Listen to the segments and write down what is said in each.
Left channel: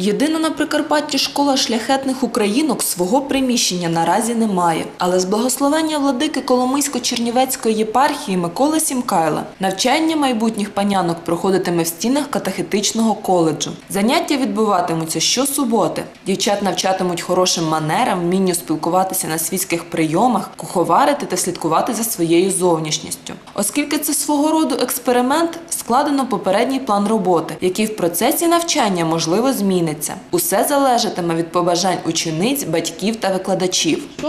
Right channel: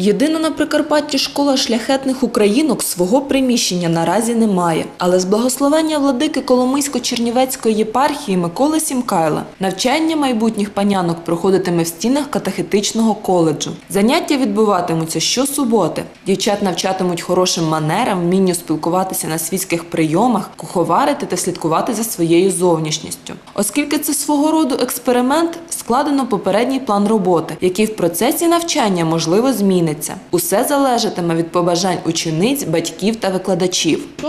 Єдина на Прикарпатті школа шляхетних українок свого приміщення наразі не має, але з благословення владики Коломийсько-Чернівецької єпархії Миколи Сімкайла навчання майбутніх панянок проходитиме в стінах катехетичного коледжу. Заняття відбуватимуться щосуботи. Дівчат навчатимуть хорошим манерам, вмінню спілкуватися на світських прийомах, куховарити та слідкувати за своєю зовнішністю. Оскільки це свого роду експеримент, складено попередній план роботи, який в процесі навчання можливо зміниться. Усе залежатиме від побажань учениць, батьків та викладачів.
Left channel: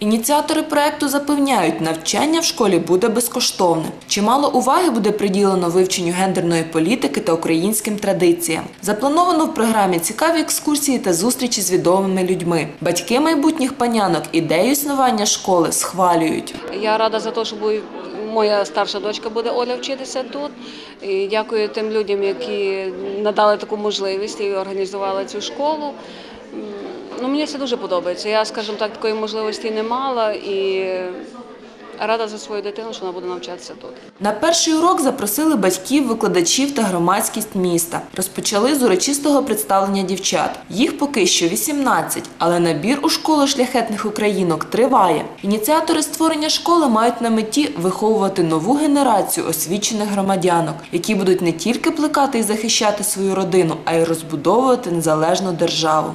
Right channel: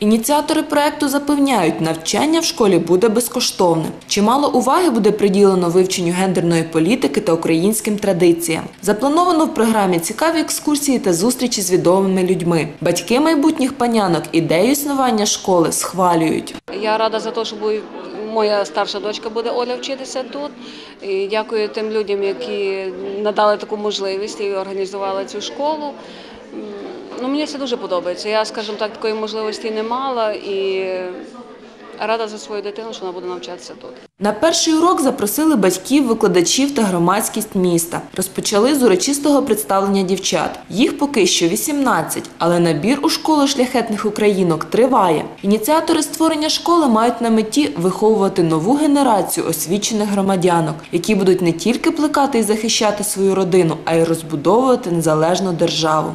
Ініціатори проекту запевняють, навчання в школі буде безкоштовне. Чимало уваги буде приділено вивченню гендерної політики та українським традиціям. Заплановано в програмі цікаві екскурсії та зустрічі з відомими людьми. Батьки майбутніх панянок ідею існування школи схвалюють. На перший урок запросили батьків, викладачів та громадськість міста. Розпочали з урочистого представлення дівчат. Їх поки що 18, але набір у школу шляхетних українок триває. Ініціатори створення школи мають на меті виховувати нову генерацію освічених громадянок, які будуть не тільки плекати і захищати свою родину, а й розбудовувати незалежну державу.